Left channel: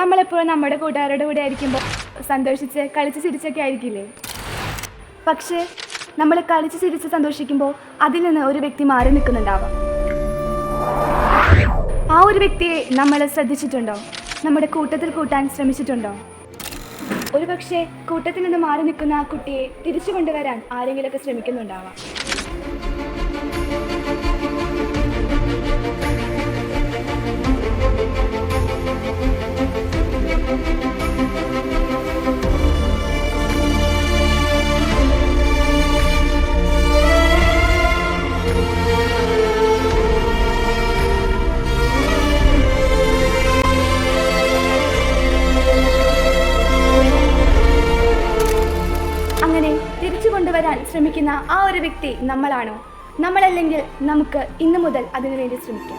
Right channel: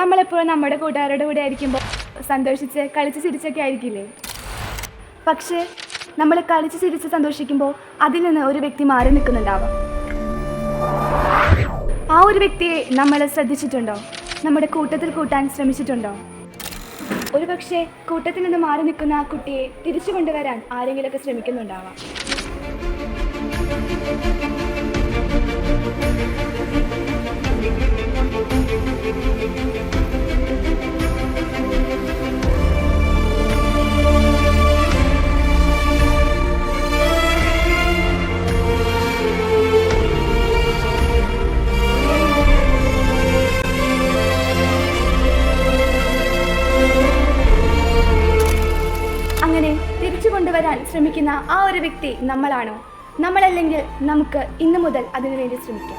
നമ്മളെപ്പോഴും നമ്മുടെ കൂട്ടുകാരുടെ കൂടെ ആയിരിക്കുമ്പോൾ സന്തോഷിച്ച് കളിച്ച് ചിരിച്ചൊക്കെ ആയിരിക്കില്ലേ? പക്ഷേ നമ്മൾ കളിച്ച് ചിരിച്ച് സന്തോഷിക്കുമ്പോൾ അതിൽ നിന്ന് ഒരു വ്യക്തി മാറി നിൽക്കുന്നുണ്ടാവാം. ആ ഒരു വ്യക്തിയെ നമ്മൾ ശ്രദ്ധിച്ചിട്ടുണ്ടോ? നമ്മുടെ കൂട്ടത്തിൽ കൂട്ടാൻ ശ്രമിച്ചിട്ടുണ്ടോ? ഒരു പക്ഷേ കൂട്ടത്തിൽ നിന്ന് മാറി നിൽക്കുന്ന ആ കുട്ടിയെ തിരിച്ചു കൊണ്ടുവരാൻ ആരെങ്കിലുമൊക്കെ ശ്രമിക്കുന്നുണ്ടാവാം. അങ്ങനെ തിരിച്ചു കൊണ്ടുവരാൻ ശ്രമിക്കുന്ന ആ ഒരു വ്യക്തി നമ്മളാണോ? നമ്മളല്ലെങ്കിൽ നമുക്ക് ഇന്നു മുതൽ അതിനുവേണ്ടി ശ്രമിക്കാം.